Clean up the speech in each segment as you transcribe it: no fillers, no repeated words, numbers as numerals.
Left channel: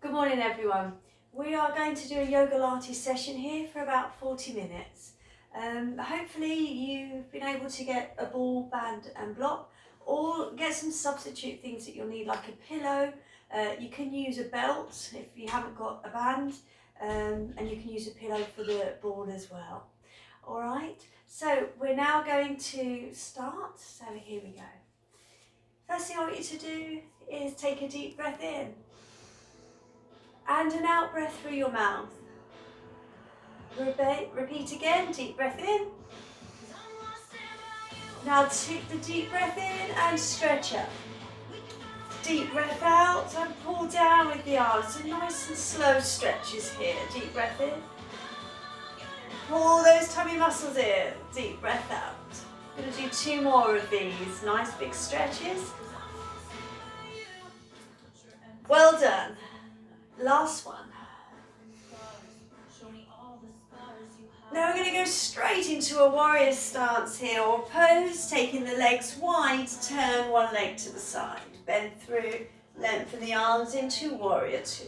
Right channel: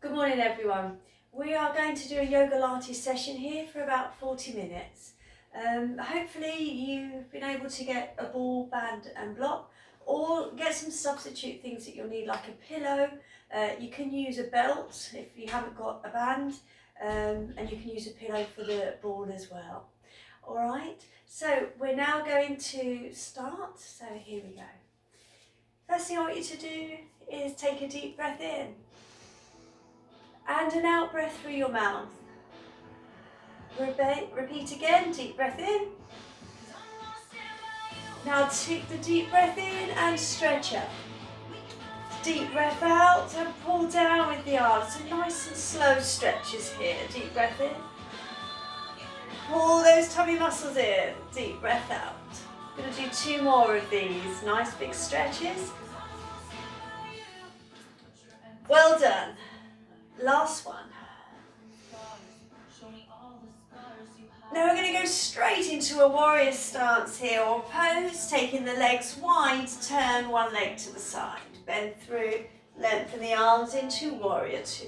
Good morning everyone. We are going to do a Yogalates session here for about 40 minutes. Hopefully you've been able to get a ball, band and block, or get some substitute things that you'll need, like a pillow. You can use a belt if you haven't got a band, and you can use a pillow for the ball as well. Alright, so we're now going to start, so here we go. First thing I want you to do is take a deep breath in and an out breath through your mouth. Repeat again, deep breath in. Now take the deep breath in and stretch up. Deep breath out and pull down with the arms. So nice and slow stretches here. Deep breath in. Pull those tummy muscles in. Deep breath out. I'm going to do 2 more of these. Nice big stretches. Well done. Last one. Now we're going to go straight into a warrior stance here, or pose, taking the legs wide, turn one leg to the side, bend through, lengthen the arms into warrior 2.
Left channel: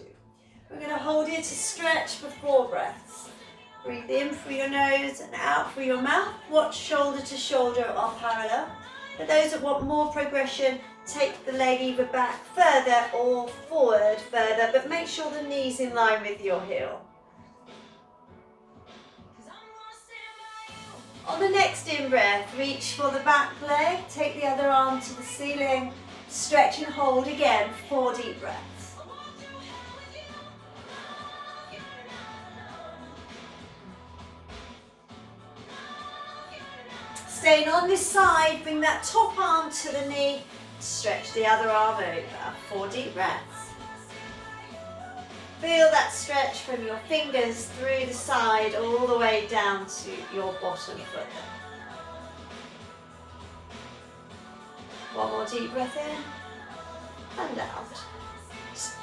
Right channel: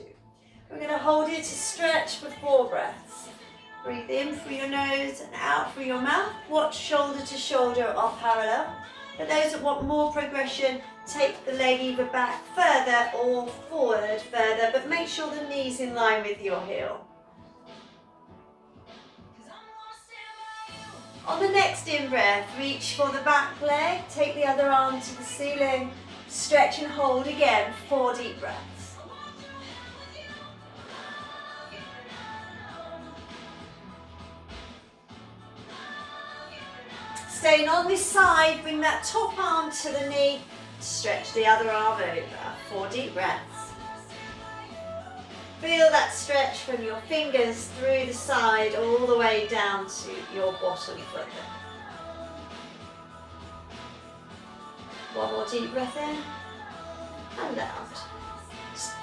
We're going to hold it to stretch for 4 breaths. Breathe in through your nose and out through your mouth. Watch shoulder to shoulder are parallel. For those that want more progression, take the leg either back further or forward further, but make sure the knee's in line with your heel. On the next in-breath, reach for the back leg, take the other arm to the ceiling, stretch and hold again, 4 deep breaths. Staying on this side, bring that top arm to the knee, stretch the other arm over, 4 deep breaths. Feel that stretch from your fingers through the side all the way down to your bottom foot. 1 more deep breath in and out.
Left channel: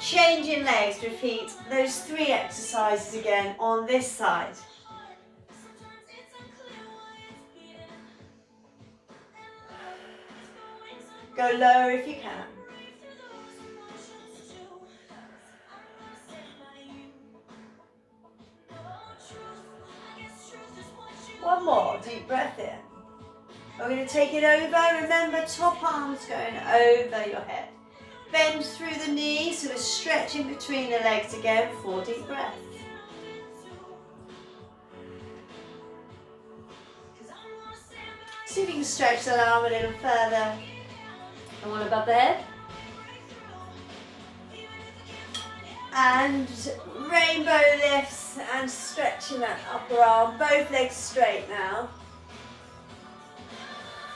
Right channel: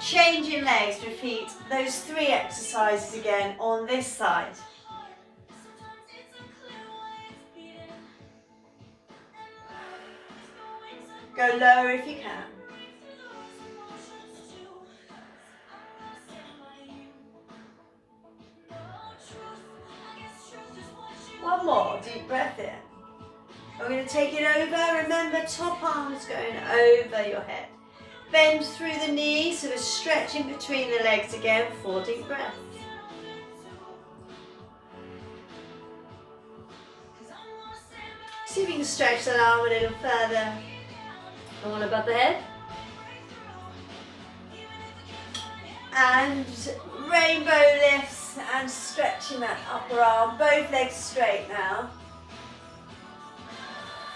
Changing legs, repeat those 3 exercises again on this side. Go lower if you can. One more deep breath in. We're going to take it over. Remember, top arms going over your head. Bend through the knees, so we're stretching between the legs again, 4 deep breaths. See if you can stretch that arm a little further. All above the head. And rainbow lifts and stretching that upper arm, both legs straight now.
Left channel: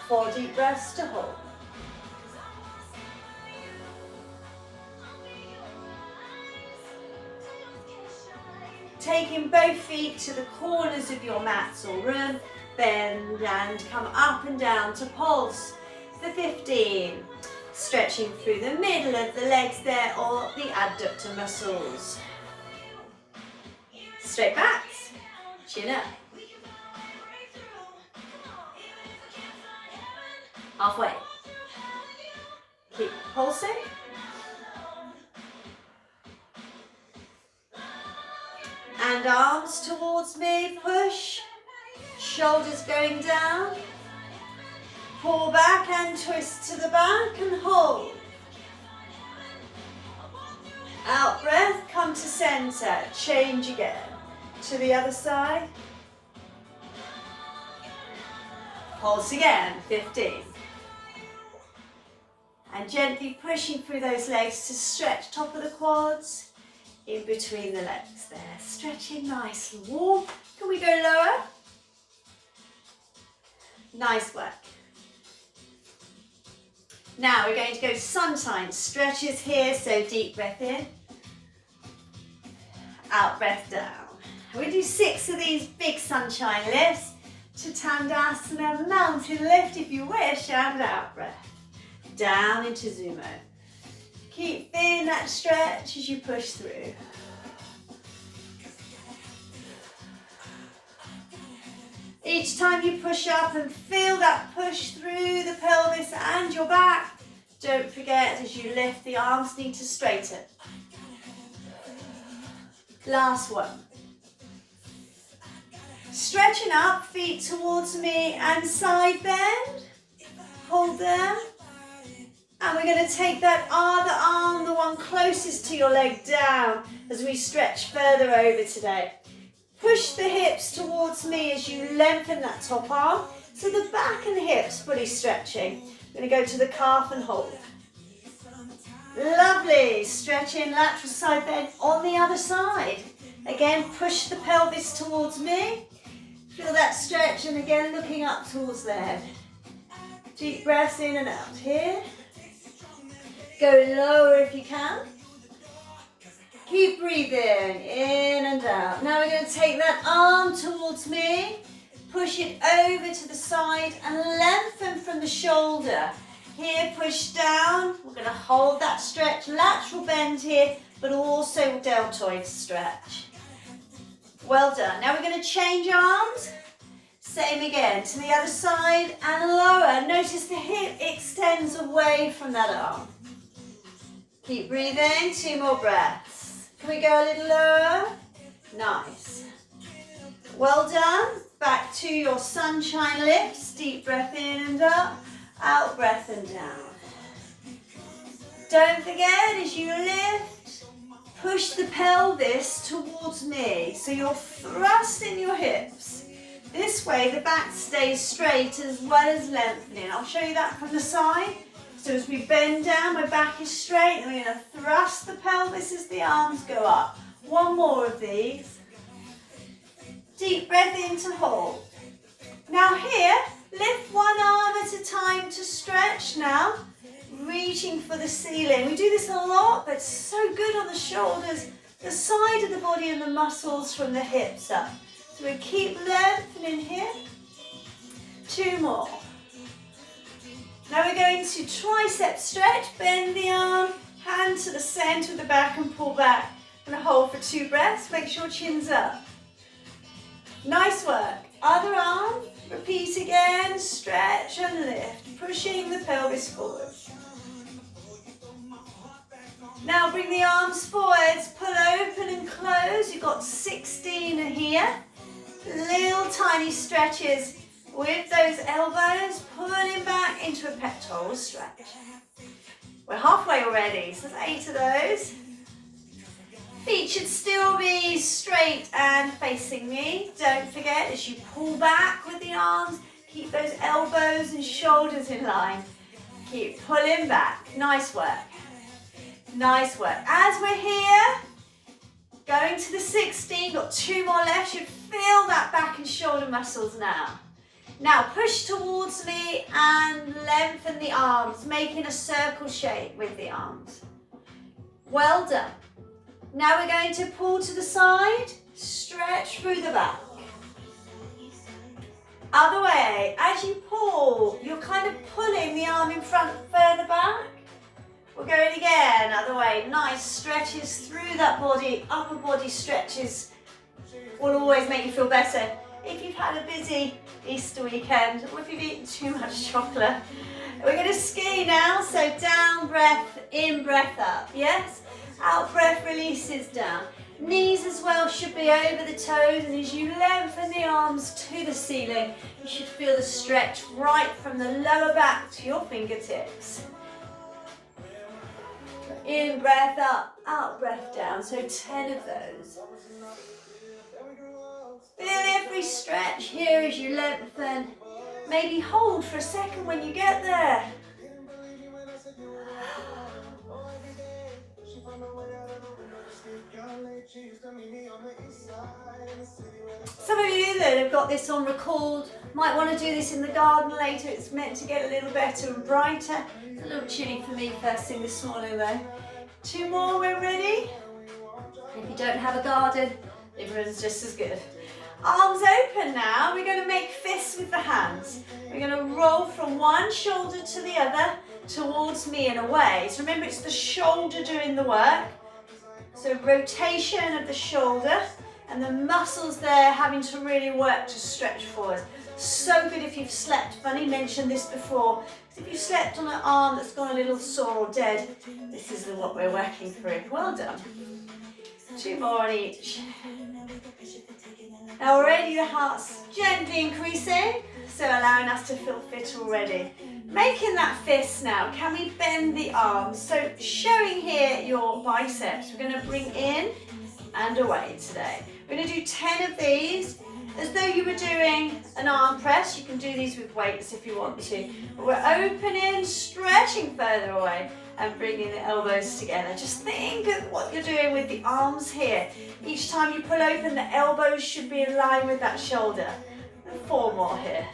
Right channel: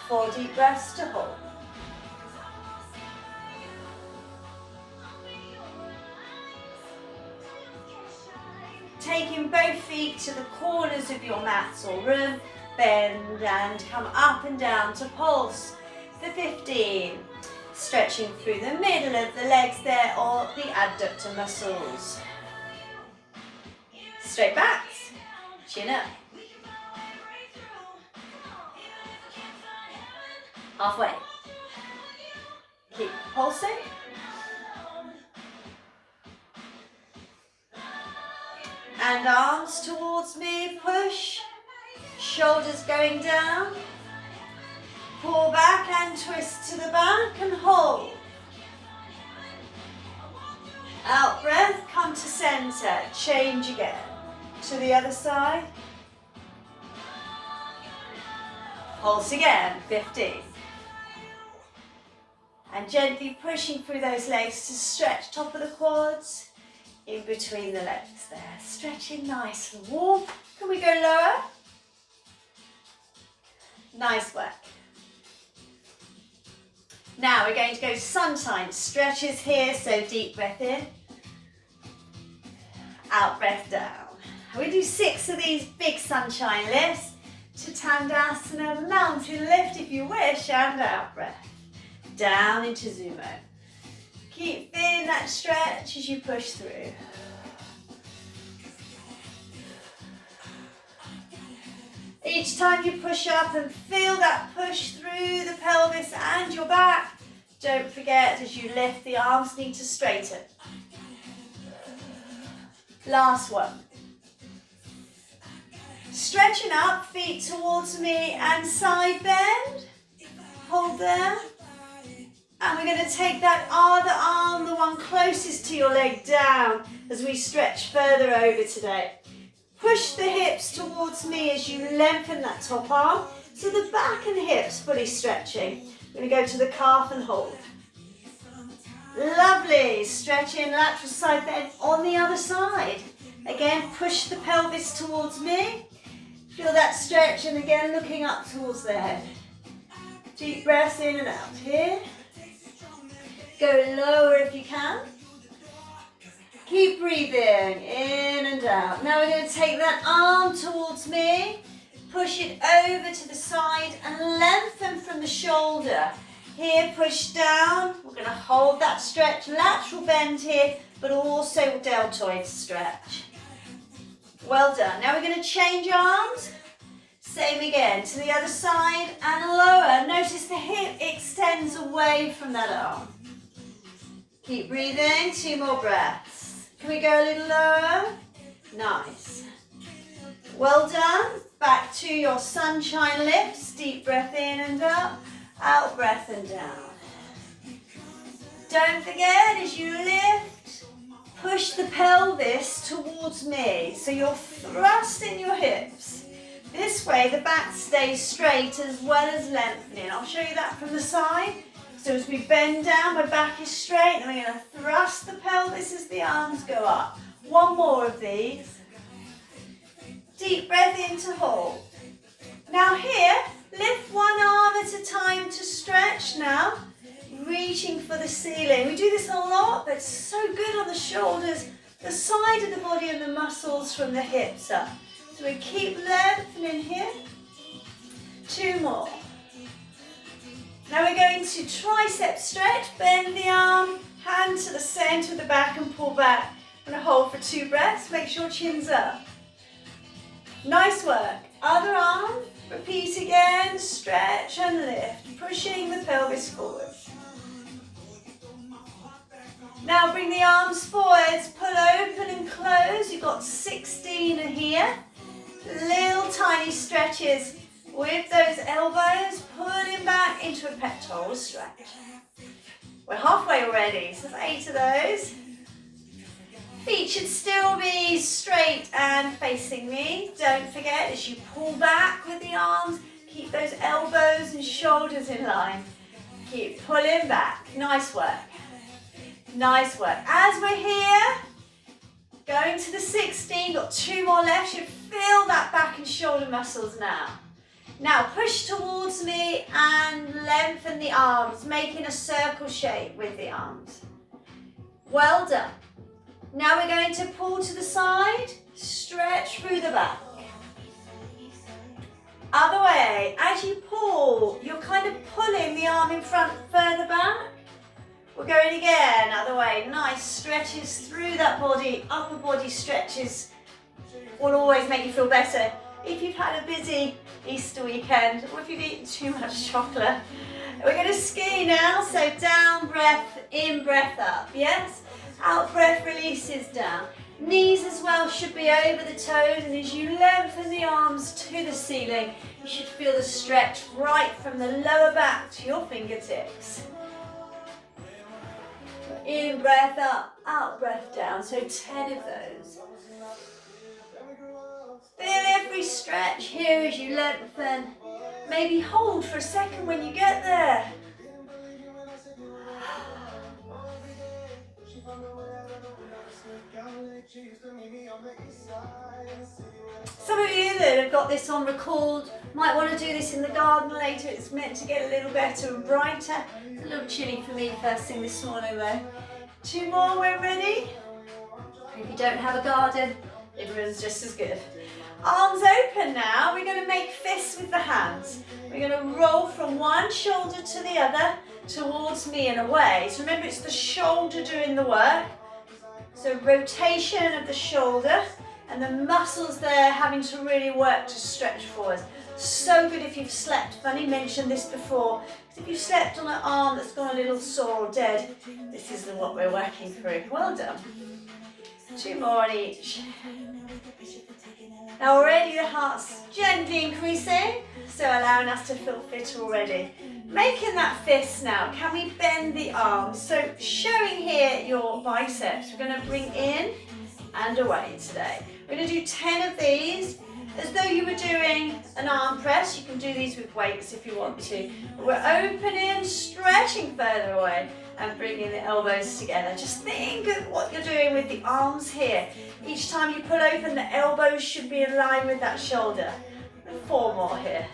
4 deep breaths to hold. Taking both feet to the corners of your mats or room, bend and come up and down to pulse for 15. Stretching through the middle of the legs there, or the adductor muscles. Straight backs, chin up. Halfway. Keep pulsing. And arms towards me, push. Shoulders going down. Pull back and twist to the back and hold. Out breath, come to center, change again. To the other side. Pulse again, 15. And gently pushing through those legs to stretch top of the quads, in between the legs there. Stretching nice and warm. Can we go lower? Nice work. Now we're going to go sunshine stretches here, so deep breath in, out breath down. We do 6 of these big sunshine lifts to Tandasana, mountain lift if you wish, and out breath. Down into Sumo. Keep feeling that stretch as you push through. Each time you push up and feel that push through the pelvis and your back, don't forget as you lift, the arms need to straighten. Last one. Stretching up, feet towards me and side bend. Hold there. And we're going to take that other arm, the one closest to your leg, down as we stretch further over today. Push the hips towards me as you lengthen that top arm. So the back and hips fully stretching. We're going to go to the calf and hold. Lovely. Stretching lateral side bend on the other side. Again, push the pelvis towards me. Feel that stretch, and again, looking up towards the head. Deep breaths in and out here. Go lower if you can. Keep breathing in and out. Now we're going to take that arm towards me. Push it over to the side and lengthen from the shoulder. Here, push down. We're going to hold that stretch. Lateral bend here, but also deltoid stretch. Well done. Now we're going to change arms. Same again to the other side and lower. Notice the hip extends away from that arm. Keep breathing. 2 more breaths. Can we go a little lower? Nice. Well done. Back to your sunshine lifts. Deep breath in and up. Out breath and down. Don't forget, as you lift, push the pelvis towards me. So you're thrusting your hips. This way the back stays straight as well as lengthening. I'll show you that from the side. So as we bend down, my back is straight, and we're going to thrust the pelvis as the arms go up. 1 more of these. Deep breath in to hold. Now here, lift 1 arm at a time to stretch now. Reaching for the ceiling. We do this a lot, but it's so good on the shoulders, the side of the body and the muscles from the hips up. So we keep lengthening here. 2 more. Now we're going to tricep stretch. Bend the arm, hand to the center of the back and pull back. I'm going to hold for 2 breaths. Make sure chin's up. Nice work. Other arm. Repeat again. Stretch and lift. Pushing the pelvis forward. Now bring the arms forwards. Pull open and close. You've got 16 here. Little tiny stretches with those elbows, pulling back into a pectoral stretch. We're halfway already, so there's 8 of those. Feet should still be straight and facing me. Don't forget, as you pull back with the arms, keep those elbows and shoulders in line. Keep pulling back. Nice work. Nice work. As we're here, going to the 16, got 2 more left. You feel that back and shoulder muscles now. Now push towards me and lengthen the arms, making a circle shape with the arms. Well done. Now we're going to pull to the side, stretch through the back. Other way. As you pull, you're kind of pulling the arm in front further back. We're going again, other way. Nice stretches through that body. Upper body stretches will always make you feel better. If you've had a busy Easter weekend, or if you've eaten too much chocolate. We're going to ski now, so down breath, in breath up, yes? Out breath releases down. Knees as well should be over the toes, and as you lengthen the arms to the ceiling, you should feel the stretch right from the lower back to your fingertips. In breath up, out breath down, so 10 of those. Feel every stretch here as you lengthen. Maybe hold for a second when you get there. Some of you that have got this on record might want to do this in the garden later. It's meant to get a little better and brighter. It's a little chilly for me first thing this morning though. 2 more, we're ready. If you don't have a garden, everyone's just as good. Arms open now. We're going to make fists with the hands. We're going to roll from one shoulder to the other towards me and away. So remember, it's the shoulder doing the work. So rotation of the shoulder and the muscles there having to really work to stretch forward. So good if you've slept. Funny, mentioned this before. If you've slept on an arm that's gone a little sore or dead, this is what we're working through. Well done. 2 more on each. Now already the heart's gently increasing, so allowing us to feel fit already. Making that fist now, can we bend the arms? So showing here your biceps, we're going to bring in and away today. We're going to do 10 of these, as though you were doing an arm press. You can do these with weights if you want to. But we're opening, stretching further away, and bringing the elbows together. Just think of what you're doing with the arms here. Each time you pull open, the elbows should be in line with that shoulder. And 4 more here.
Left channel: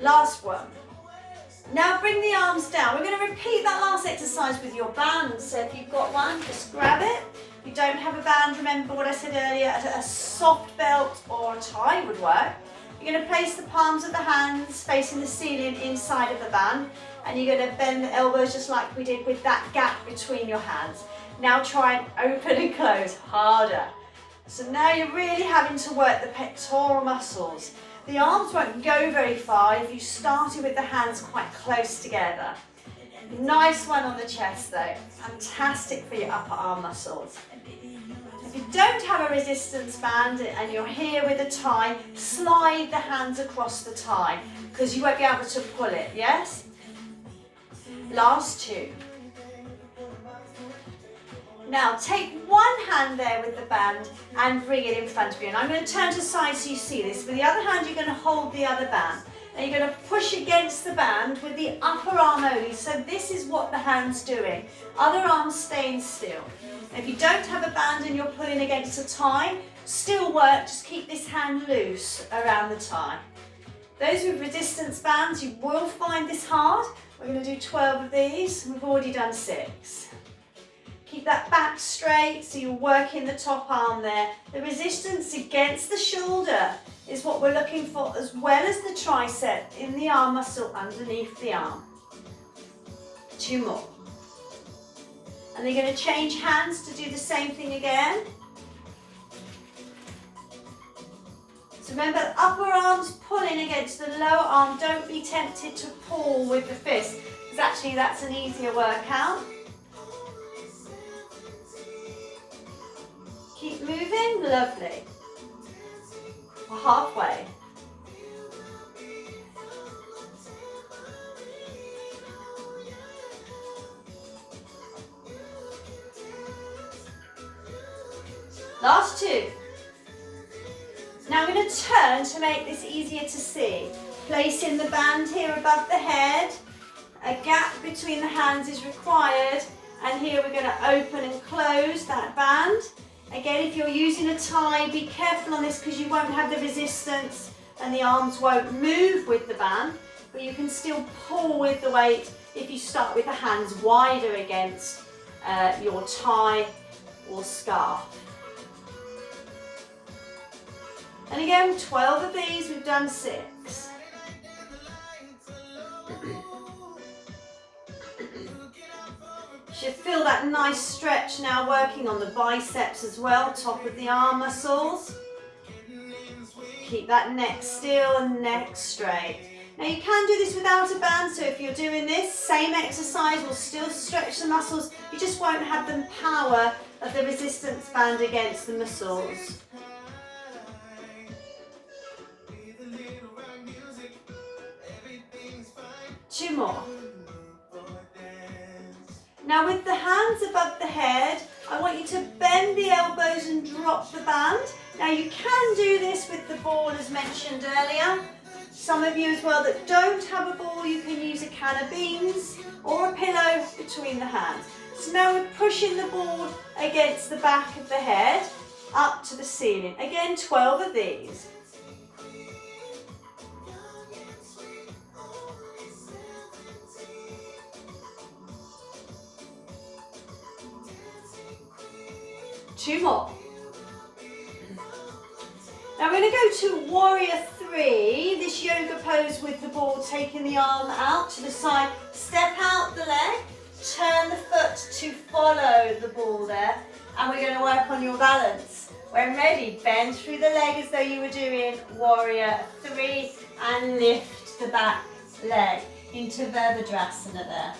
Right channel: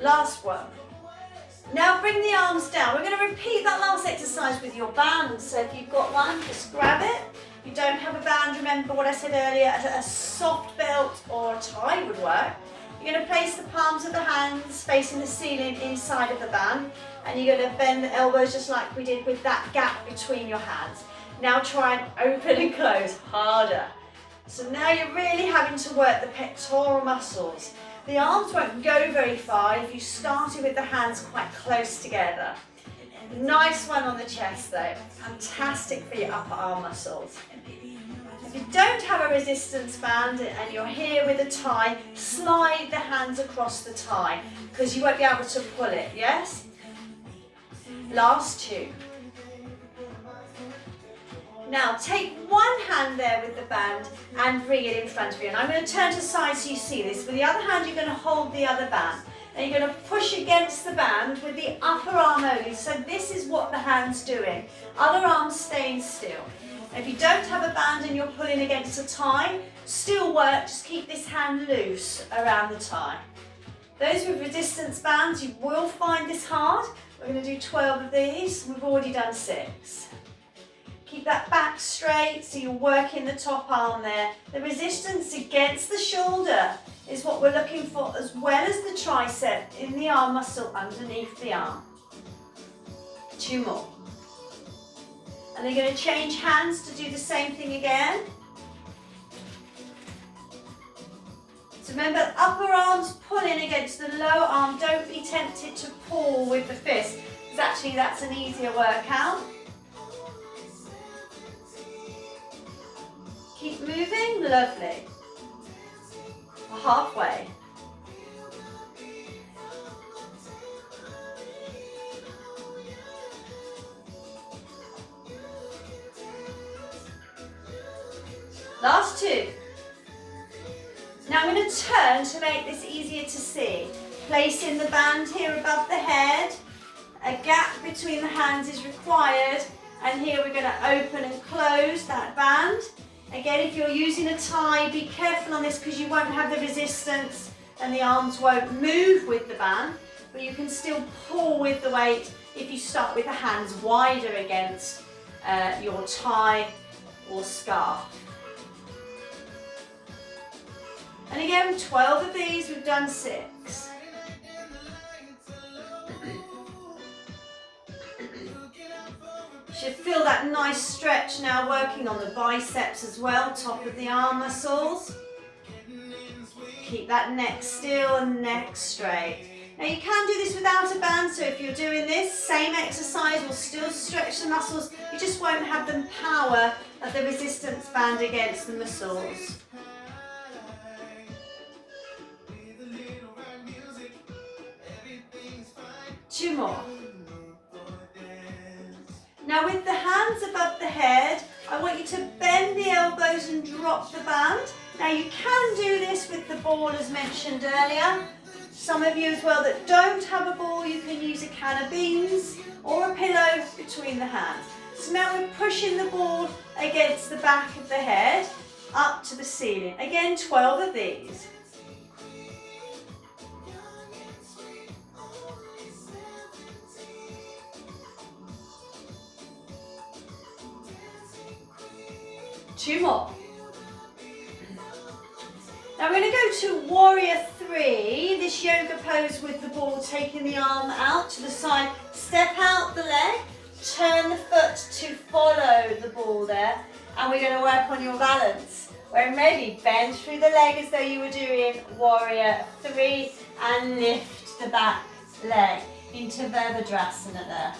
Last one. Now bring the arms down. We're going to repeat that last exercise with your band. So if you've got one, just grab it. If you don't have a band, remember what I said earlier, a soft belt or a tie would work. You're going to place the palms of the hands facing the ceiling inside of the band, and you're going to bend the elbows just like we did with that gap between your hands. Now try and open and close harder. So now you're really having to work the pectoral muscles. The arms won't go very far if you started with the hands quite close together. Nice one on the chest though. Fantastic for your upper arm muscles. If you don't have a resistance band and you're here with a tie, slide the hands across the tie because you won't be able to pull it, yes? Last 2. Now take one hand there with the band and bring it in front of you. And I'm going to turn to side so you see this. With the other hand, you're going to hold the other band. Now you're going to push against the band with the upper arm only. So this is what the hand's doing. Other arms staying still. If you don't have a band and you're pulling against a tie, still work, just keep this hand loose around the tie. Those with resistance bands, you will find this hard. We're going to do 12 of these. We've already done 6. Keep that back straight so you're working the top arm there. The resistance against the shoulder is what we're looking for, as well as the tricep in the arm muscle underneath the arm. 2 more. And they're going to change hands to do the same thing again. So remember, upper arm's pulling against the lower arm. Don't be tempted to pull with the fist, because actually that's an easier workout. Keep moving, lovely. We're halfway. Last 2. Now I'm going to turn to make this easier to see. Placing the band here above the head. A gap between the hands is required. And here we're going to open and close that band. Again, if you're using a tie, be careful on this because you won't have the resistance and the arms won't move with the band. But you can still pull with the weight if you start with the hands wider against your tie or scarf. And again, 12 of these, we've done 6. Should feel that nice stretch now working on the biceps as well, top of the arm muscles. Keep that neck still and neck straight. Now you can do this without a band, so if you're doing this, same exercise will still stretch the muscles, you just won't have the power of the resistance band against the muscles. Two more. Now with the hands above the head, I want you to bend the elbows and drop the band. Now you can do this with the ball as mentioned earlier. Some of you as well that don't have a ball, you can use a can of beans or a pillow between the hands. So now we're pushing the ball against the back of the head up to the ceiling. Again, 12 of these. Two more. Now we're going to go to Warrior 3, this yoga pose with the ball, taking the arm out to the side, step out the leg, turn the foot to follow the ball there, and we're going to work on your balance. When ready, bend through the leg as though you were doing Warrior 3 and lift the back leg. into Virabhadrasana there.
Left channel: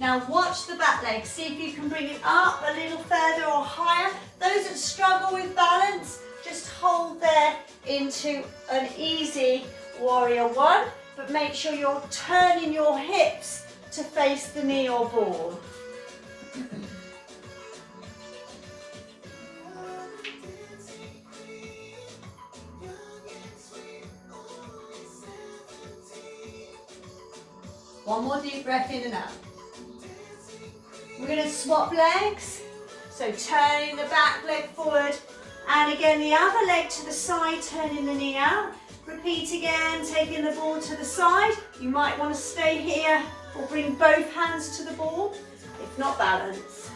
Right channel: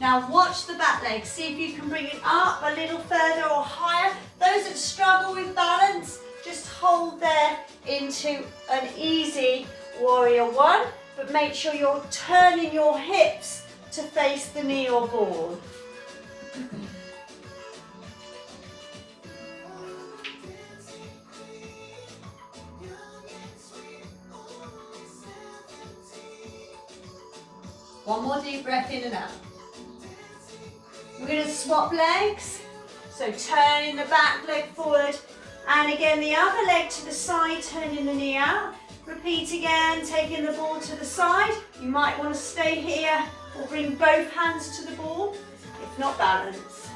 Now watch the back leg, see if you can bring it up a little further or higher. Those that struggle with balance, just hold there into an easy warrior one, but make sure you're turning your hips to face the knee or ball. One more deep breath in and out. We're going to swap legs. So turning the back leg forward and again the other leg to the side, turning the knee out. Repeat again, taking the ball to the side. You might want to stay here or bring both hands to the ball, if not balance.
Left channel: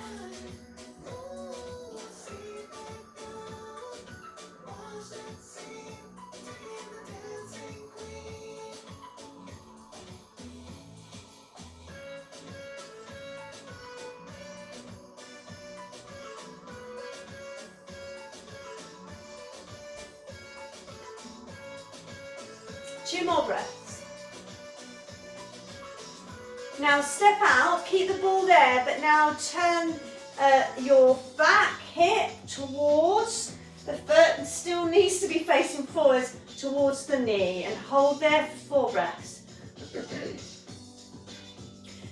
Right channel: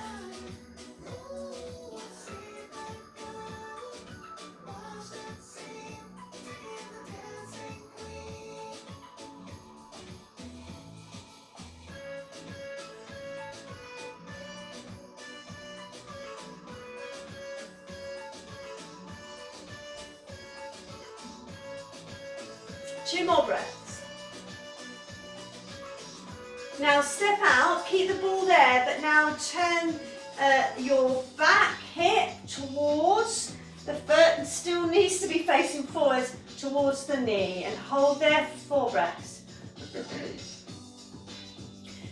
Two more breaths. Now step out, keep the ball there, but now turn your back hip towards the foot and still needs to be facing forwards towards the knee and hold there for 4 breaths.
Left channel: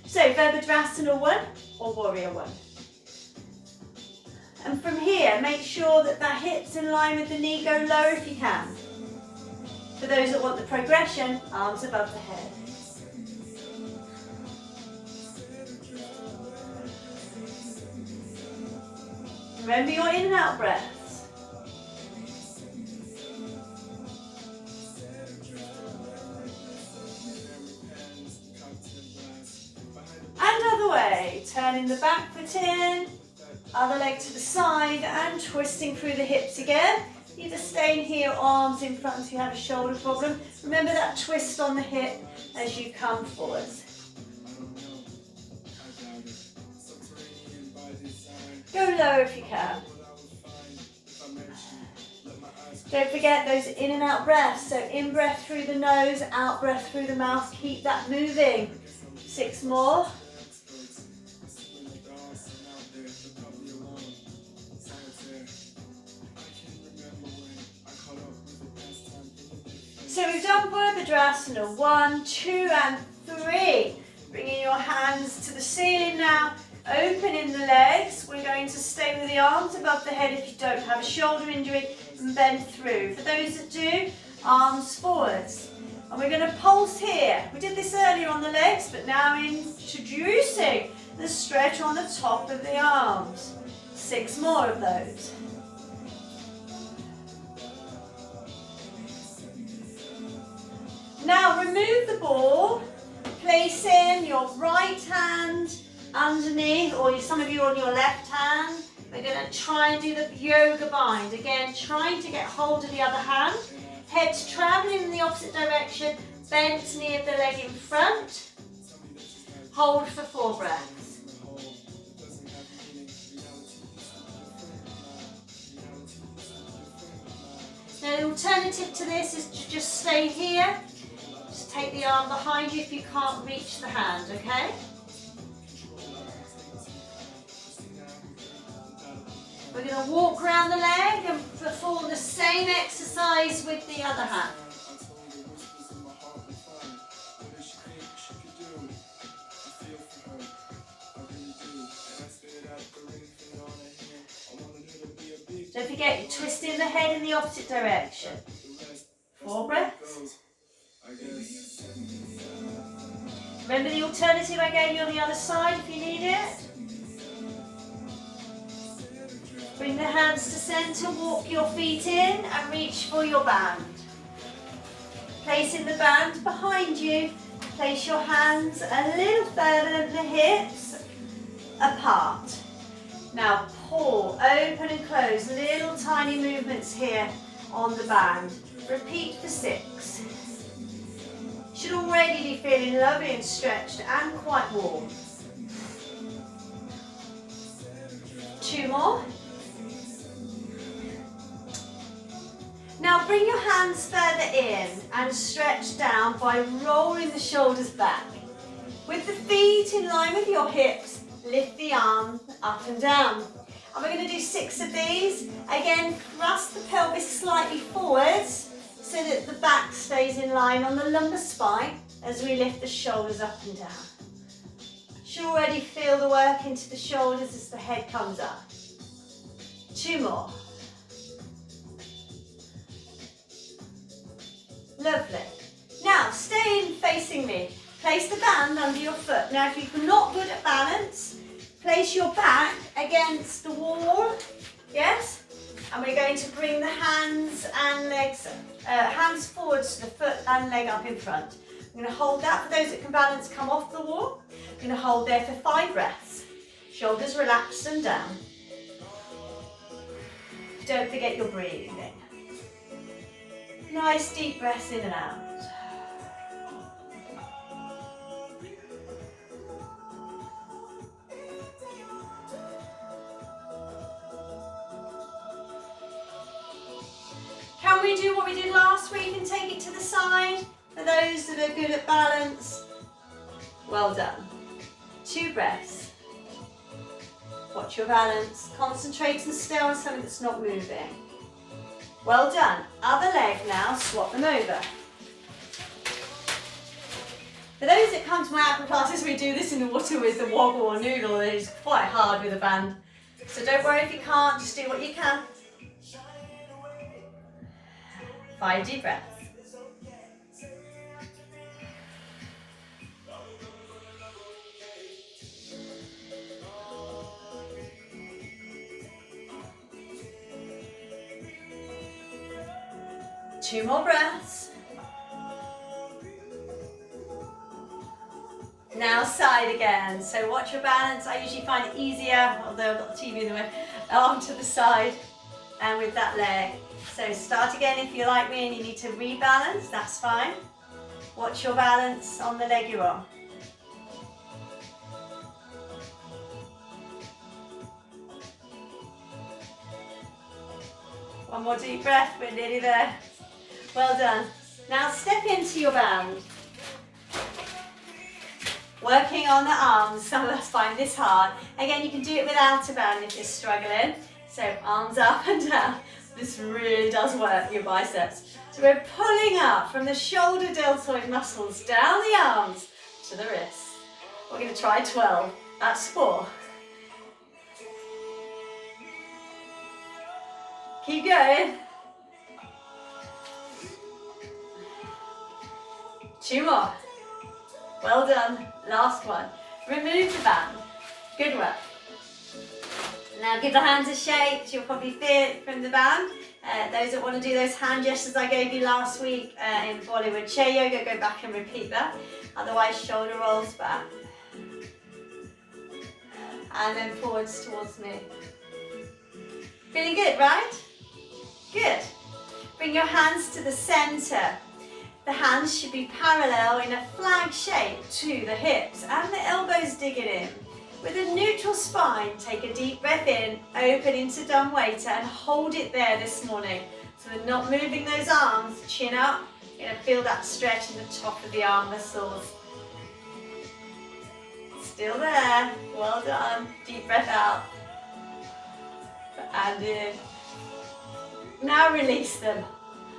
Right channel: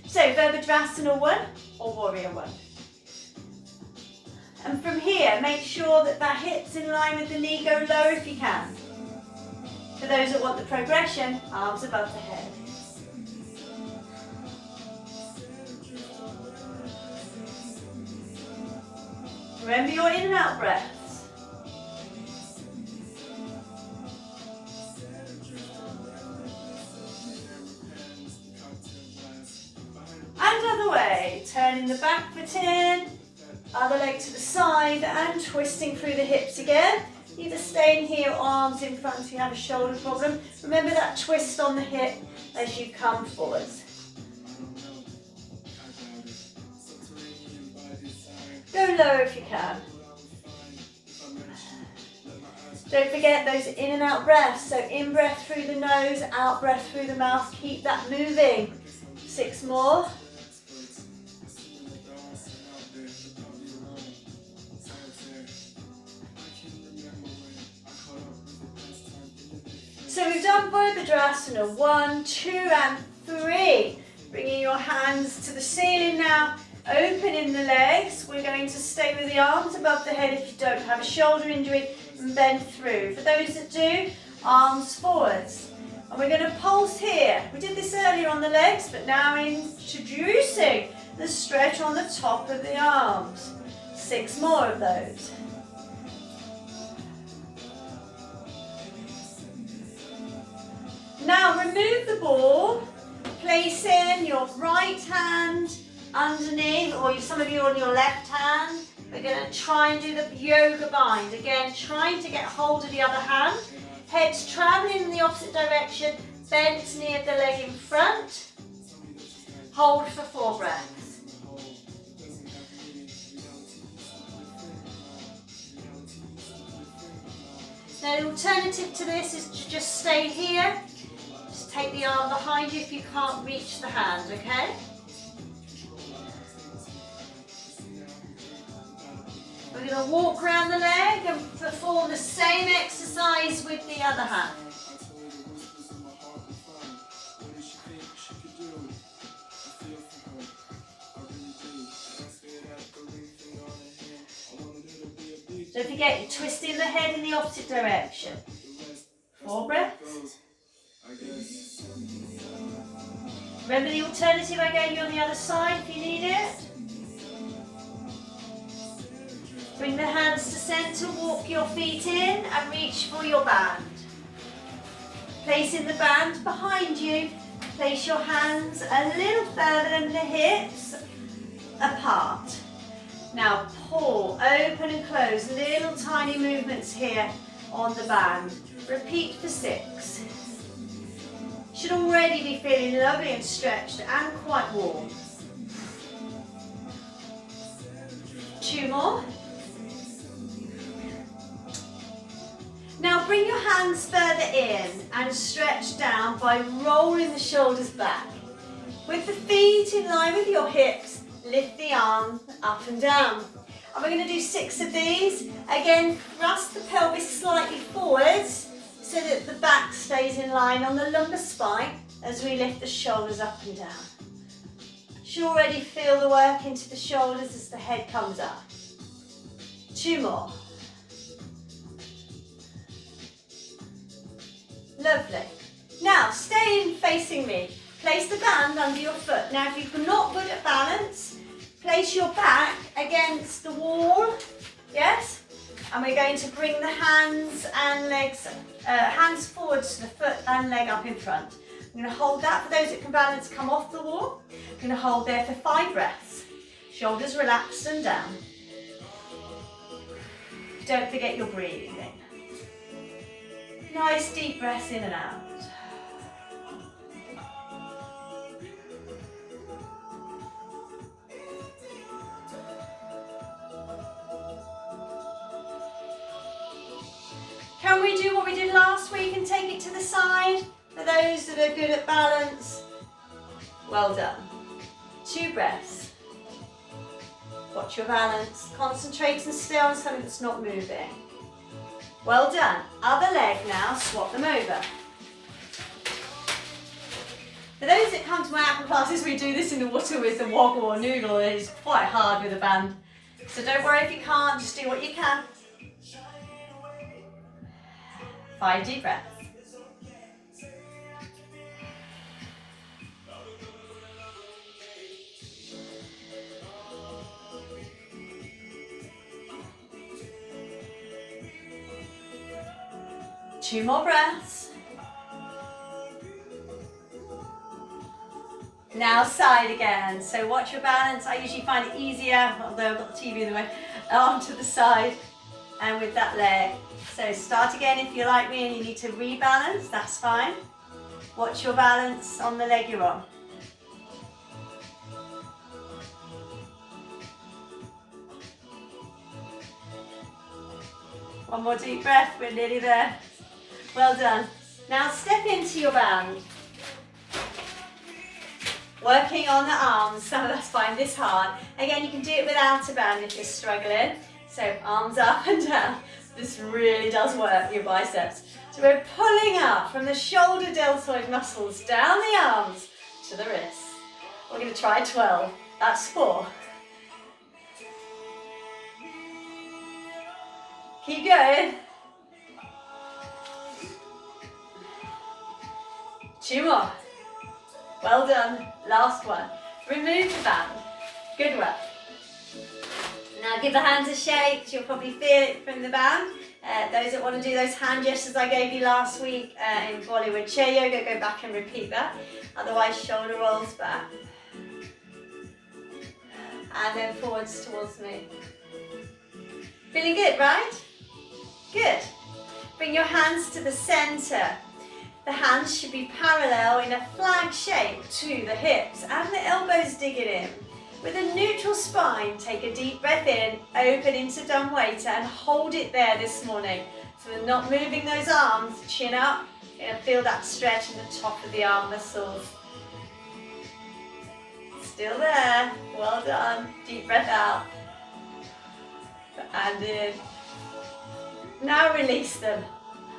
So Virabhadrasana 1 or Warrior 1. And from here, make sure that the hips in line with the knee, go low if you can. For those that want the progression, arms above the head. Remember your in and out breaths. And other way, turning the back foot in, other leg to the side and twisting through the hips again. Either staying here, arms in front if you have a shoulder problem. Remember that twist on the hip as you come forwards. Go low if you can. Don't forget those in and out breaths. So in breath through the nose, out breath through the mouth. Keep that moving. 6 more. So we've done Virabhadrasana 1, 2 and 3. Bringing your hands to the ceiling now, opening the legs. We're going to stay with the arms above the head if you don't have a shoulder injury and bend through. For those that do, arms forwards. And we're going to pulse here. We did this earlier on the legs, but now introducing the stretch on the top of the arms. 6 more of those. Now remove the ball, placing your right hand underneath, or some of you on your left hand. We're going to try and do the yoga bind. Again, trying to get hold of the other hand. Head's traveling in the opposite direction, bent near the leg in front. Hold for 4 breaths. Now the alternative to this is to just stay here. Just take the arm behind you if you can't reach the hand, okay? We're going to walk around the leg and perform the same exercise with the other hand. Don't forget, you're twisting the head in the opposite direction. 4 breaths. Remember the alternative I gave you on the other side if you need it? Bring the hands to centre, walk your feet in and reach for your band. Placing the band behind you, place your hands a little further than the hips apart. Now pull, open and close, little tiny movements here on the band. Repeat for 6. Should already be feeling lovely and stretched and quite warm. 2 more. Now bring your hands further in and stretch down by rolling the shoulders back. With the feet in line with your hips, lift the arm up and down. And we're going to do 6 of these. Again, thrust the pelvis slightly forwards so that the back stays in line on the lumbar spine as we lift the shoulders up and down. You should already feel the work into the shoulders as the head comes up. 2 more. Lovely. Now, stay in facing me. Place the band under your foot. Now, if you're not good at balance, place your back against the wall, yes? And we're going to bring the hands and legs, hands forward to the foot and leg up in front. I'm going to hold that. For those that can balance, come off the wall. I'm going to hold there for 5 breaths. Shoulders relaxed and down. Don't forget your breathing. Nice deep breaths in and out. Can we do what we did last week and take it to the side? For those that are good at balance, well done. 2 breaths. Watch your balance. Concentrate and stay on something that's not moving. Well done. Other leg now, swap them over. For those that come to my aqua classes, we do this in the water with the woggle or noodle. It is quite hard with a band. So don't worry if you can't, just do what you can. 5 deep breaths. Two more breaths. Now side again. So watch your balance. I usually find it easier, although I've got the TV in the way, arm to the side and with that leg. So start again if you're like me and you need to rebalance, that's fine. Watch your balance on the leg you're on. One more deep breath, we're nearly there. Well done. Now step into your band. Working on the arms, some of us find this hard. Again, you can do it without a band if you're struggling. So arms up and down. This really does work your biceps. So we're pulling up from the shoulder deltoid muscles down the arms to the wrists. We're going to try 12. That's 4. Keep going. 2 more. Well done. Last one. Remove the band. Good work. Now give the hands a shake. You'll probably feel it from the band. Those that want to do those hand gestures I gave you last week in Bollywood chair yoga, go back and repeat that. Otherwise, shoulder rolls back. And then forwards towards me. Feeling good, right? Good. Bring your hands to the center. The hands should be parallel in a flag shape to the hips and the elbows digging in. With a neutral spine, take a deep breath in, open into Dumwaiter and hold it there this morning. So we're not moving those arms, chin up. You're going to feel that stretch in the top of the arm muscles. Still there. Well done. Deep breath out. And in. Now release them.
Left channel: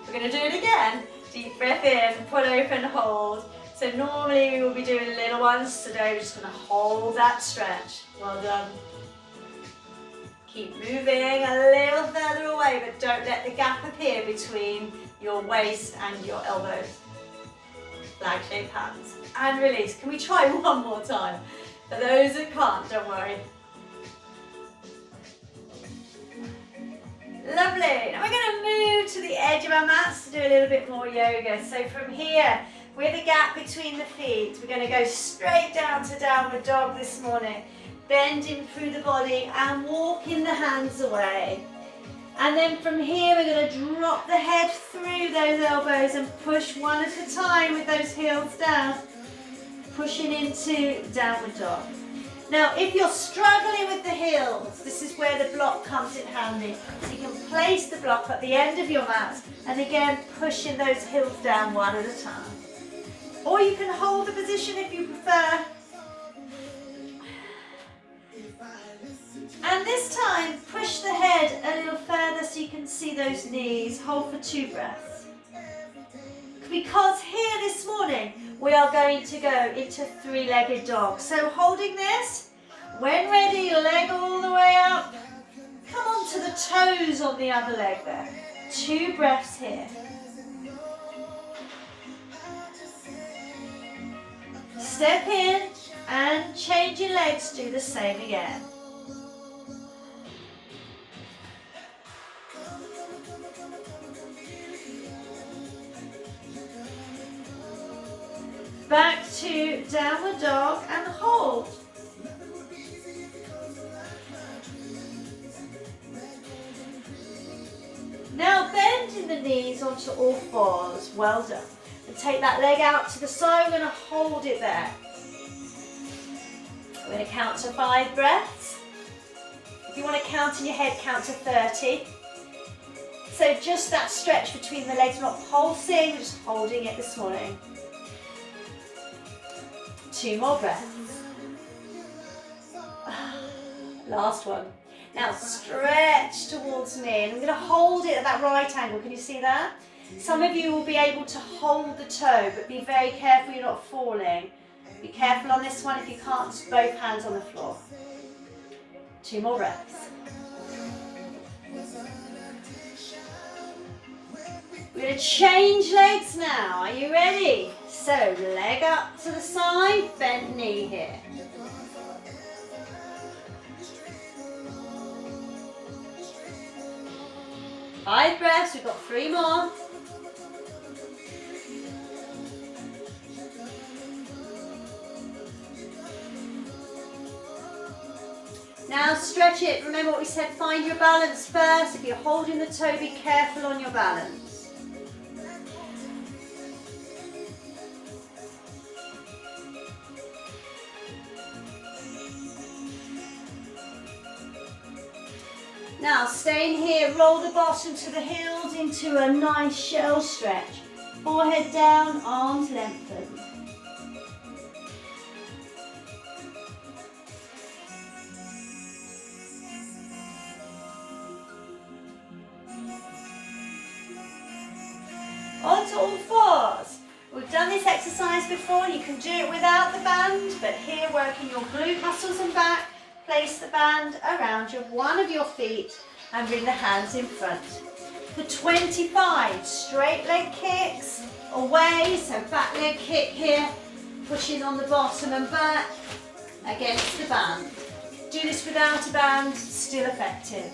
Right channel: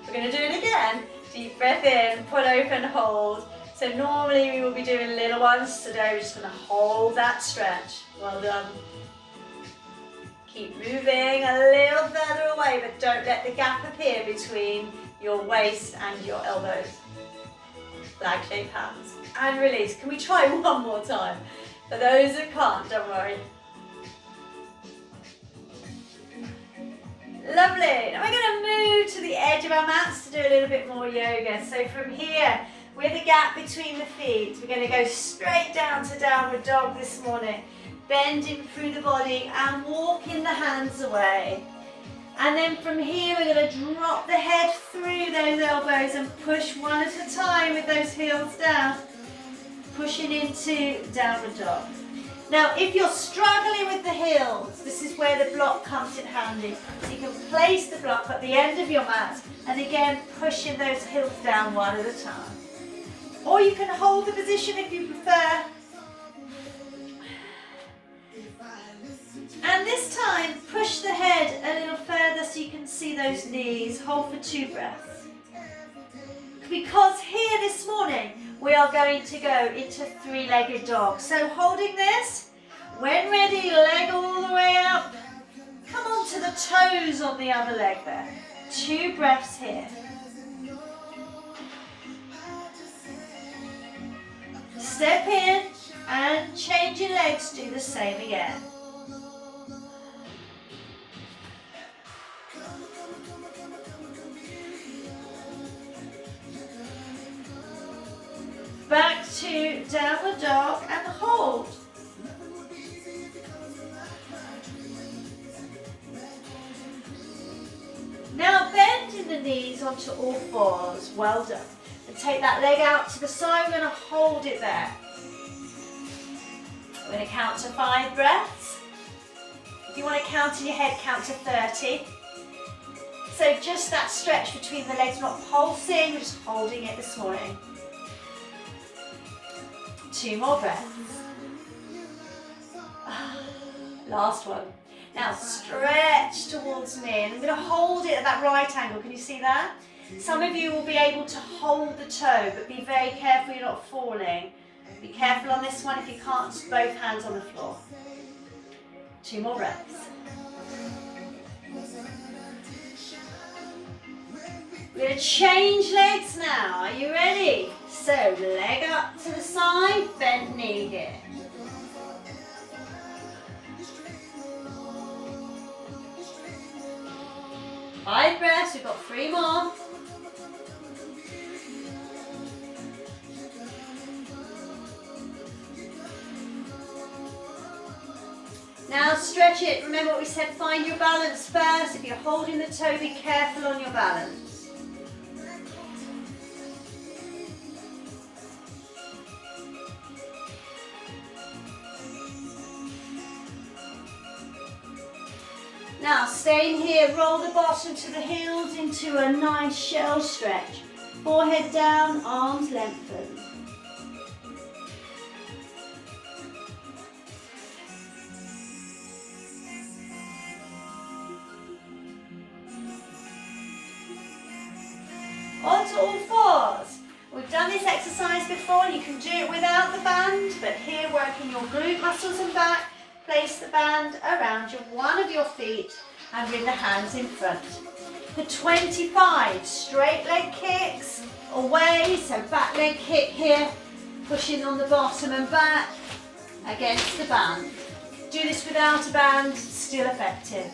We're going to do it again. Deep breath in, pull open, hold. So normally we will be doing little ones. Today we're just going to hold that stretch. Well done. Keep moving a little further away, but don't let the gap appear between your waist and your elbows. Flag shape hands. And release. Can we try one more time? For those that can't, don't worry. Lovely. Now we're going to move to the edge of our mats to do a little bit more yoga. So from here, with a gap between the feet, we're going to go straight down to downward dog this morning. Bending through the body and walking the hands away. And then from here, we're going to drop the head through those elbows and push one at a time with those heels down. Pushing into downward dog. Now, if you're struggling with the heels, this is where the block comes in handy. So you can place the block at the end of your mat and again, pushing those heels down one at a time. Or you can hold the position if you prefer this time, push the head a little further so you can see those knees. Hold for 2 breaths. Because here this morning, we are going to go into 3-legged dog. So holding this, when ready, leg all the way up. Come on to the toes on the other leg there. 2 breaths here. Step in and change your legs, do the same again. Back to downward dog and hold. Now bending the knees onto all 4s, well done. And take that leg out to the side, we're going to hold it there. We're going to count to 5 breaths. If you want to count in your head, count to 30. So just that stretch between the legs, not pulsing, we're just holding it this morning. 2 more breaths. Last one. Now stretch towards me, and I'm going to hold it at that right angle. Can you see that? Some of you will be able to hold the toe, but be very careful you're not falling. Be careful on this one if you can't, just both hands on the floor. 2 more breaths. We're going to change legs now. Are you ready? So leg up to the side, bent knee here. Five breaths, we've got 3 more. Now stretch it. Remember what we said, find your balance first. If you're holding the toe, be careful on your balance. Now staying here, roll the bottom to the heels into a nice shell stretch. Forehead down, arms lengthened. On to all 4s. We've done this exercise before, you can do it without the band, but here working your glute muscles and back. Place the band around one of your feet and bring the hands in front. For 25 straight leg kicks away, so back leg kick here, pushing on the bottom and back against the band. Do this without a band, still effective.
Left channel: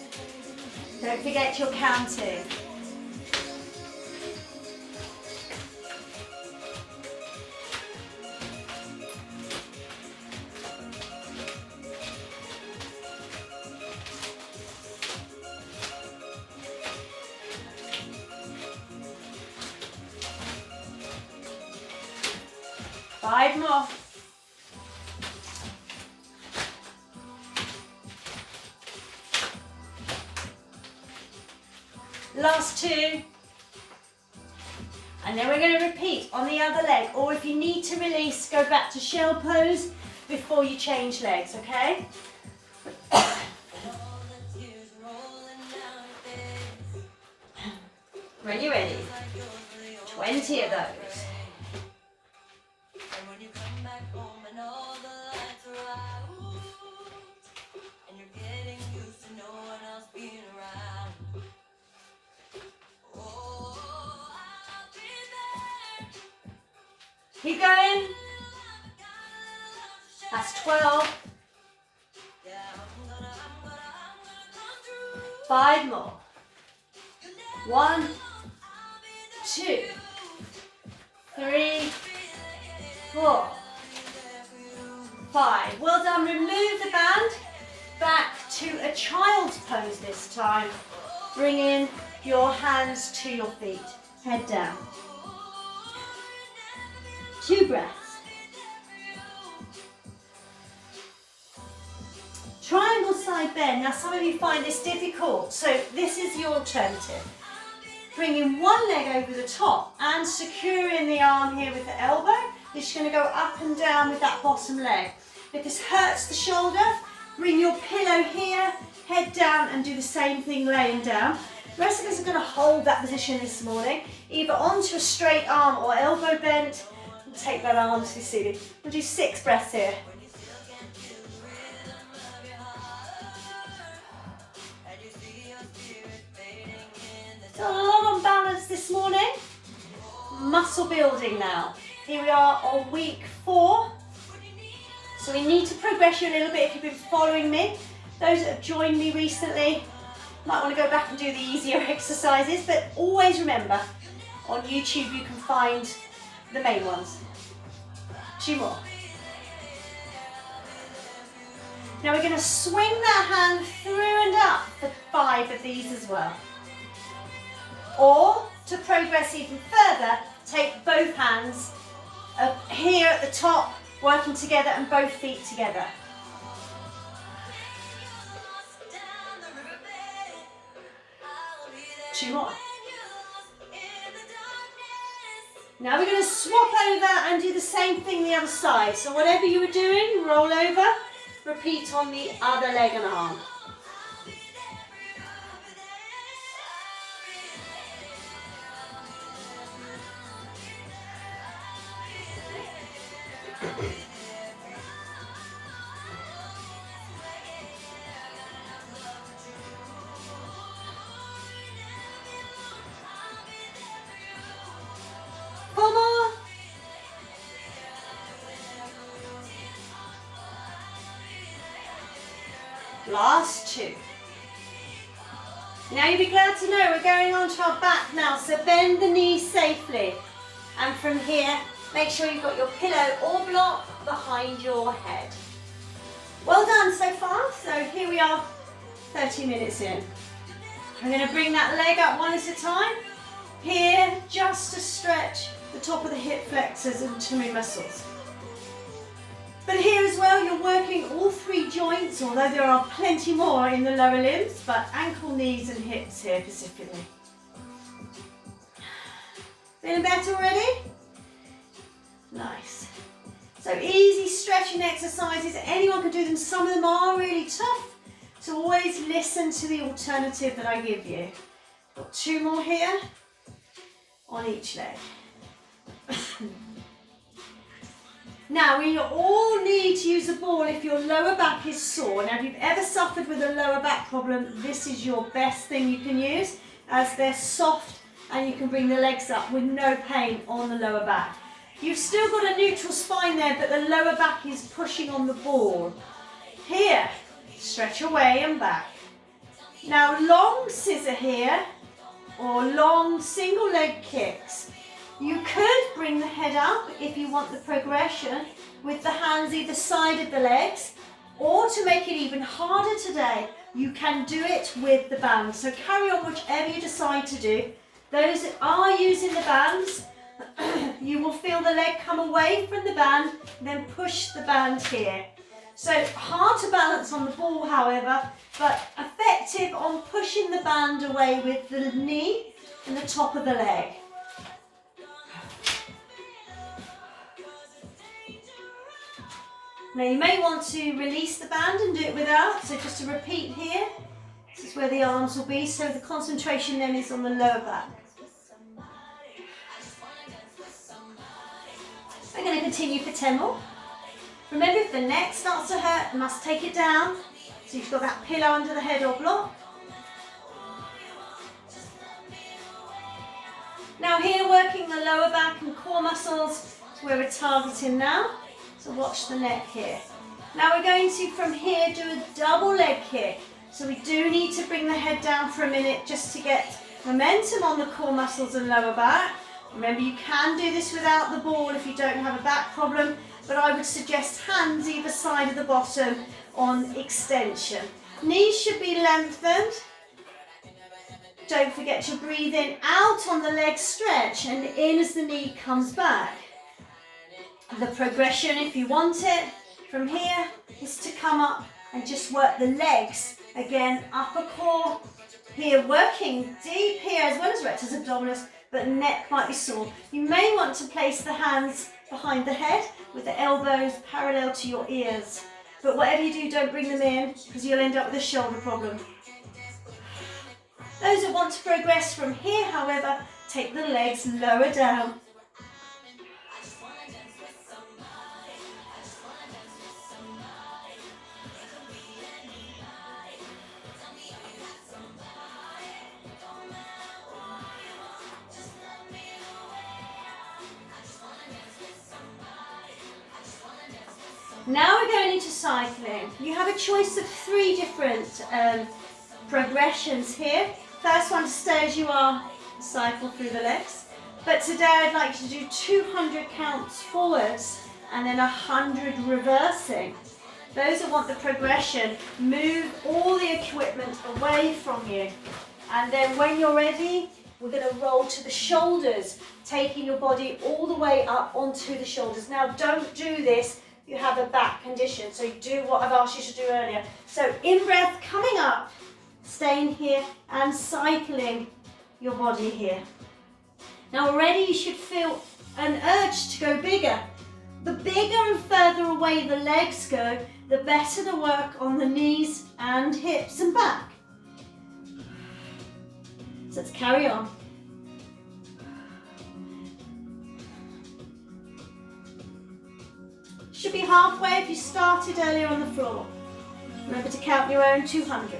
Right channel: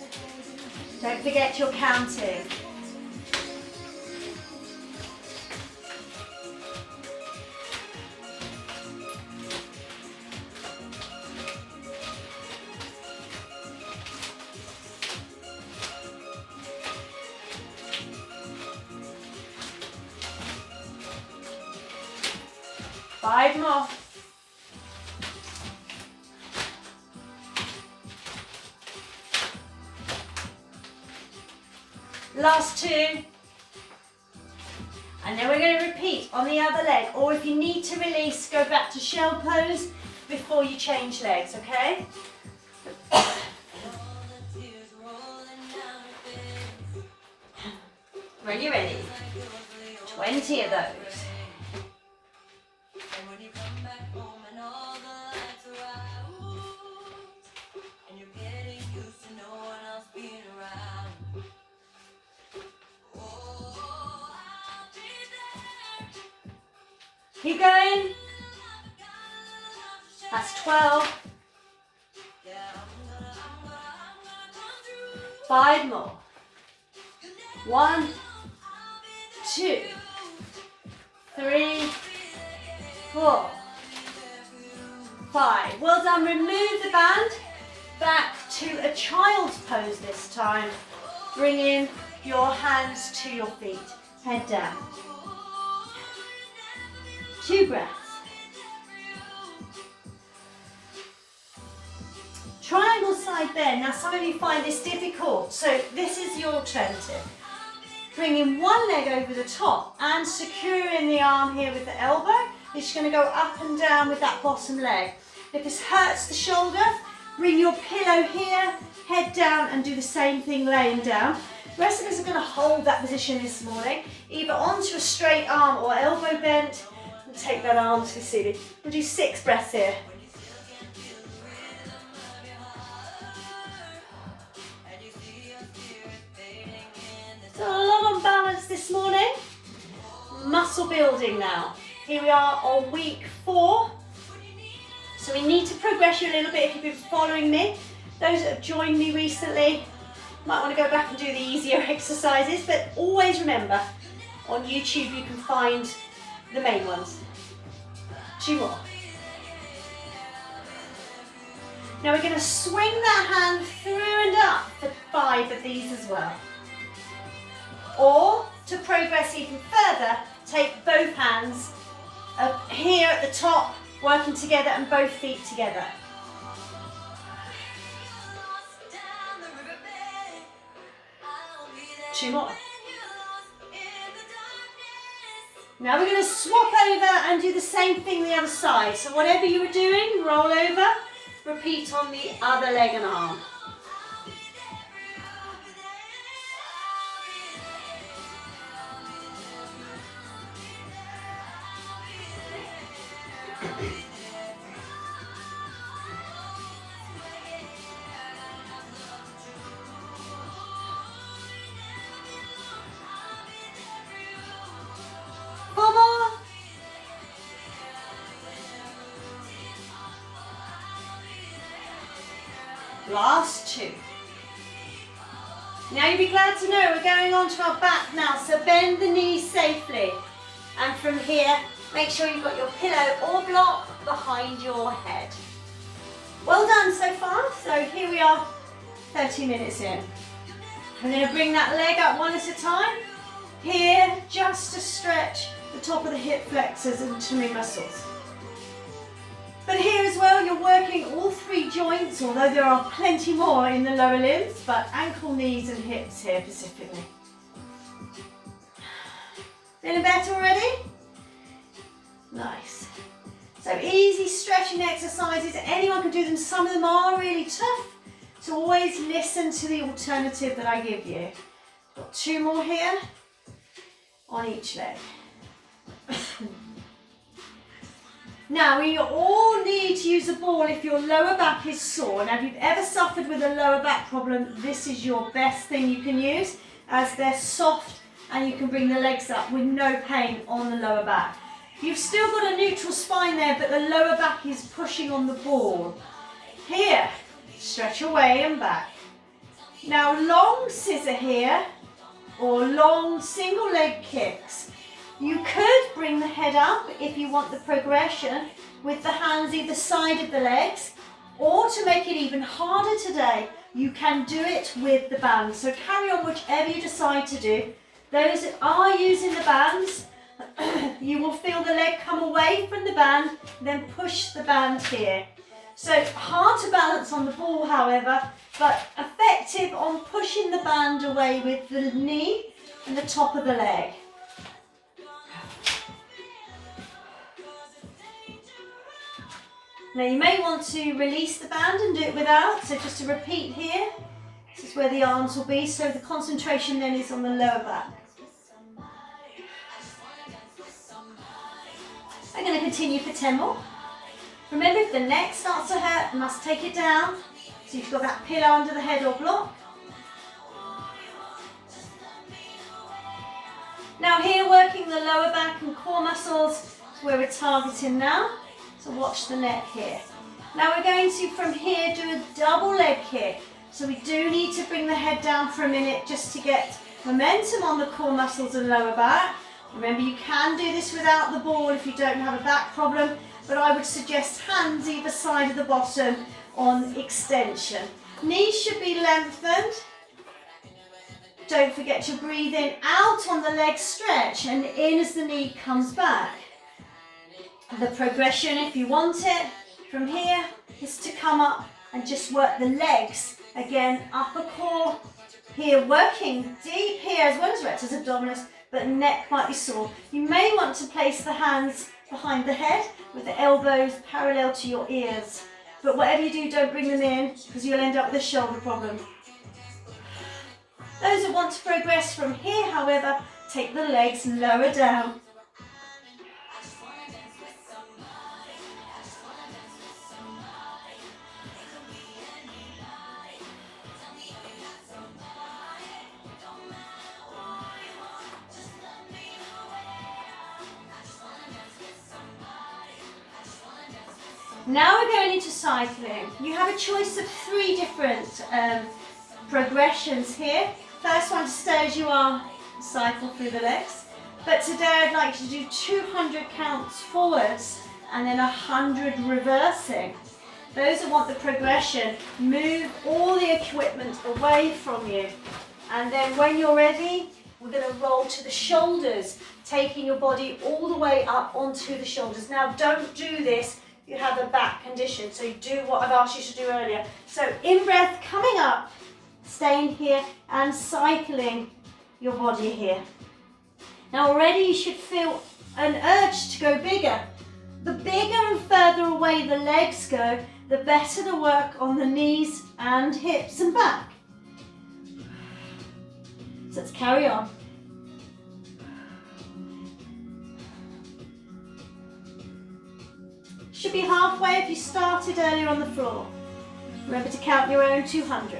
Don't forget you're counting. Five more. Last 2. And then we're going to repeat on the other leg. Or if you need to release, go back to shell pose before you change legs, okay? When you're ready. 20 of those. Keep going. That's 12. 5 more. 1, 2, 3, 4, 5. Well done. Remove the band. Back to a child's pose this time. Bring in your hands to your feet. Head down. 2 breaths. Triangle side bend. Now some of you find this difficult, so this is your alternative. Bringing one leg over the top and securing the arm here with the elbow. You're just going to go up and down with that bottom leg. If this hurts the shoulder, Bring your pillow here, head down, and do the same thing laying down. The rest of us are going to hold that position this morning, either onto a straight arm or elbow bent. And take that arm to the ceiling. We'll do 6 breaths here. So a lot on balance this morning. Muscle building now. Here we are on week 4. So we need to progress you a little bit if you've been following me. Those that have joined me recently might want to go back and do the easier exercises, but always remember, on YouTube you can find the main ones. 2 more. Now we're going to swing that hand through and up for 5 of these as well. Or, to progress even further, take both hands here at the top, working together, and both feet together. Two more. Now we're going to swap over and do the same thing the other side. So whatever you were doing, roll over, repeat on the other leg and arm. Last 2. Now you'll be glad to know we're going on to our back now, so bend the knees safely. And from here, make sure you've got your pillow or block behind your head. Well done so far. So here we are, 30 minutes in. I'm going to bring that leg up one at a time. Here, just to stretch the top of the hip flexors and tummy muscles. But here as well, you're working all 3 joints, although there are plenty more in the lower limbs, but ankle, knees and hips here specifically. Feeling better already? Nice. So easy stretching exercises. Anyone can do them. Some of them are really tough. So always listen to the alternative that I give you. Got 2 more here on each leg. Now, we all need to use a ball if your lower back is sore. Now, if you've ever suffered with a lower back problem, this is your best thing you can use, as they're soft and you can bring the legs up with no pain on the lower back. You've still got a neutral spine there, but the lower back is pushing on the ball. Here, stretch away and back. Now, long scissor here, or long single leg kicks. You could bring the head up if you want the progression with the hands either side of the legs, or to make it even harder today, you can do it with the bands. So carry on whichever you decide to do. Those that are using the bands, you will feel the leg come away from the band, then push the band here. So hard to balance on the ball, however, but effective on pushing the band away with the knee and the top of the leg. Now you may want to release the band and do it without, so just to repeat here, this is where the arms will be, so the concentration then is on the lower back. I'm going to continue for 10 more. Remember, if the neck starts to hurt, you must take it down, so you've got that pillow under the head or block. Now here, working the lower back and core muscles, is where we're targeting now. So watch the neck here. Now we're going to, from here, do a double leg kick. So we do need to bring the head down for a minute just to get momentum on the core muscles and lower back. Remember, you can do this without the ball if you don't have a back problem, but I would suggest hands either side of the bottom on extension. Knees should be lengthened. Don't forget to breathe in, out on the leg stretch, and in as the knee comes back. The progression, if you want it, from here is to come up and just work the legs. Again, upper core here, working deep here as well as rectus abdominis, but neck might be sore. You may want to place the hands behind the head with the elbows parallel to your ears. But whatever you do, don't bring them in because you'll end up with a shoulder problem. Those that want to progress from here, however, take the legs lower down. Now we're going into cycling. You have a choice of 3 different progressions here. First one to stay as you are, cycle through the legs. But today I'd like you to do 200 counts forwards and then 100 reversing. Those that want the progression, move all the equipment away from you. And then when you're ready, we're going to roll to the shoulders, taking your body all the way up onto the shoulders. Now don't do this if you have a back condition, so you do what I've asked you to do earlier. So in breath, coming up, staying here and cycling your body here. Now already you should feel an urge to go bigger. The bigger and further away the legs go, the better the work on the knees and hips and back. So let's carry on. Should be halfway if you started earlier on the floor. Remember to count your own 200.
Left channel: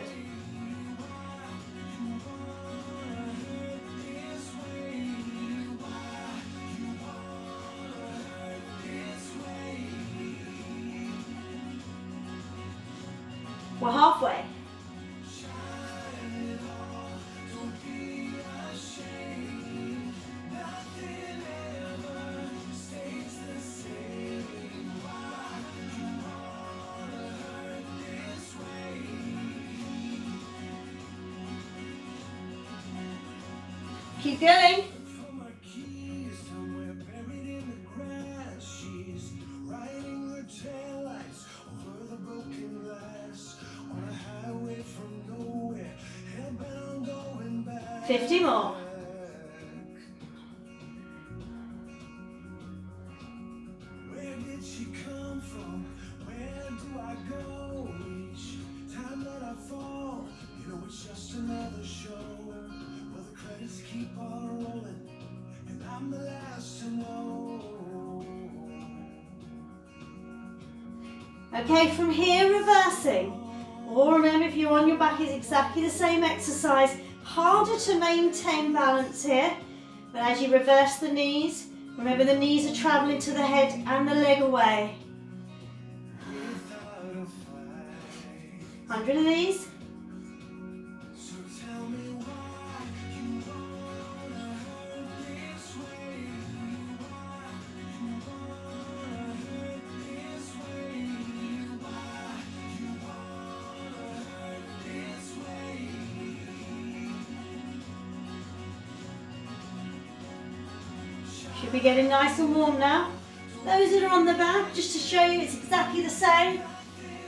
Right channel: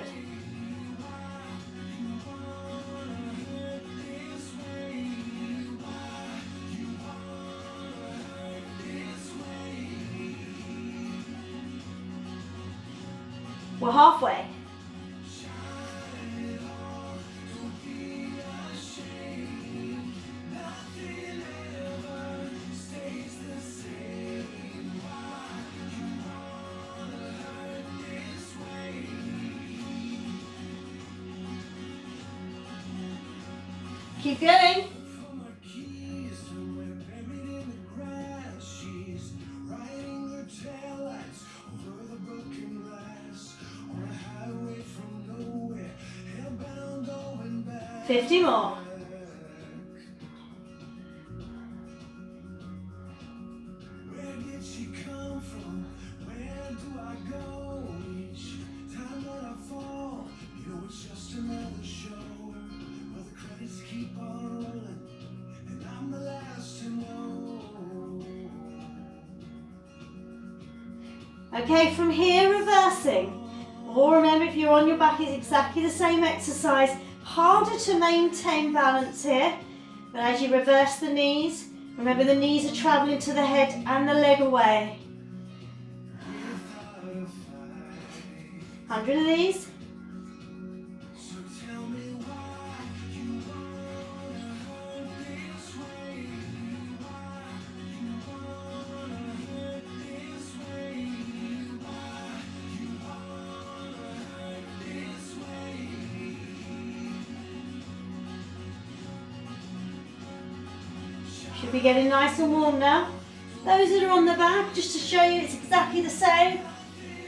We're halfway. Keep going. $50 more. Where did she come from? Where do I go? Each time that I fall, you know it's just another show. Where the credits keep on rolling, and I'm the last to know. Okay, from here, reversing. Or remember, if you're on your back, it's exactly the same exercise. Harder to maintain balance here, but as you reverse the knees, remember the knees are traveling to the head and the leg away. 100 of these. Should be getting nice and warm now. Those that are on the back, just to show you it's exactly the same.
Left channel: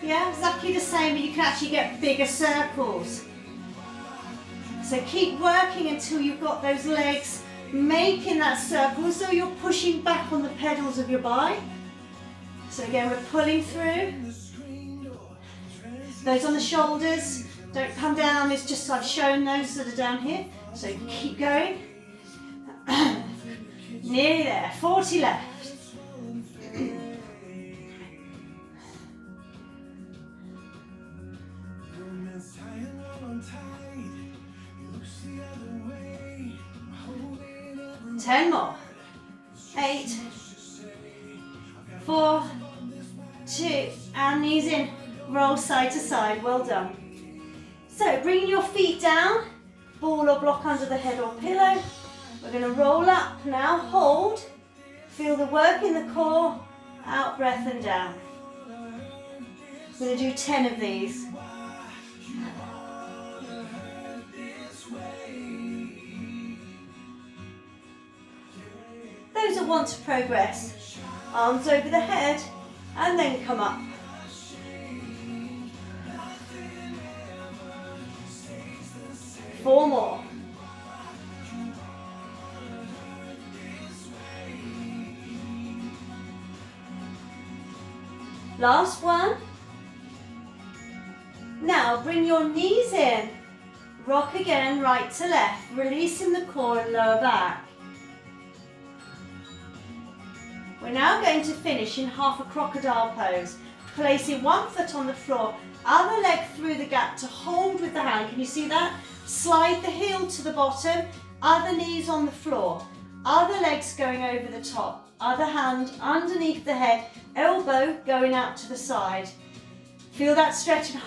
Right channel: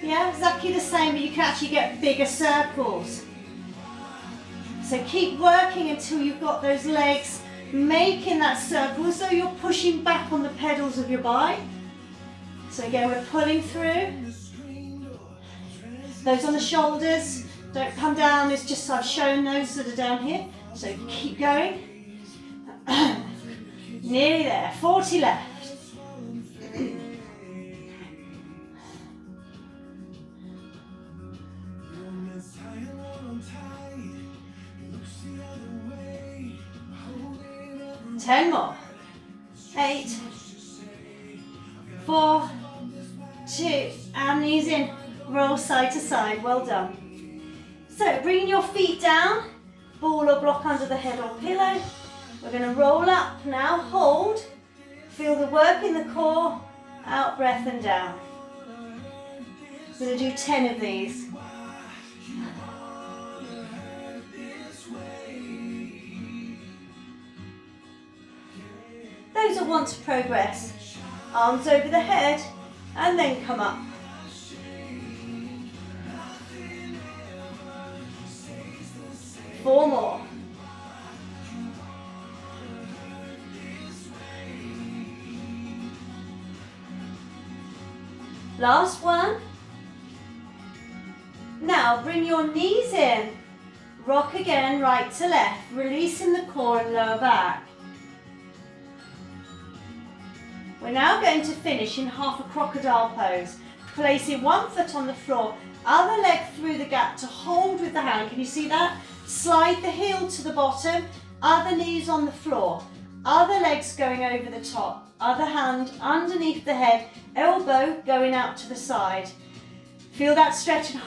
Yeah, exactly the same, but you can actually get bigger circles. So keep working until you've got those legs making that circle, so you're pushing back on the pedals of your bike. So again, we're pulling through. Those on the shoulders, don't come down, it's just I've shown those that are down here. So keep going. Nearly there, 40 left. Ten more. 8, 4, 2, and knees in. Roll side to side, well done. So bring your feet down, ball or block under the head or pillow. We're going to roll up now, hold, feel the work in the core, out breath and down. We're going to do 10 of these. Those that want to progress, arms over the head and then come up. Four more. Last one. Now bring your knees in, rock again right to left, releasing the core and lower back. We're now going to finish in half a crocodile pose, placing one foot on the floor, other leg through the gap to hold with the hand. Can you see that? Slide the heel to the bottom, other knees on the floor, other legs going over the top, other hand underneath the head, elbow going out to the side. Feel that stretch and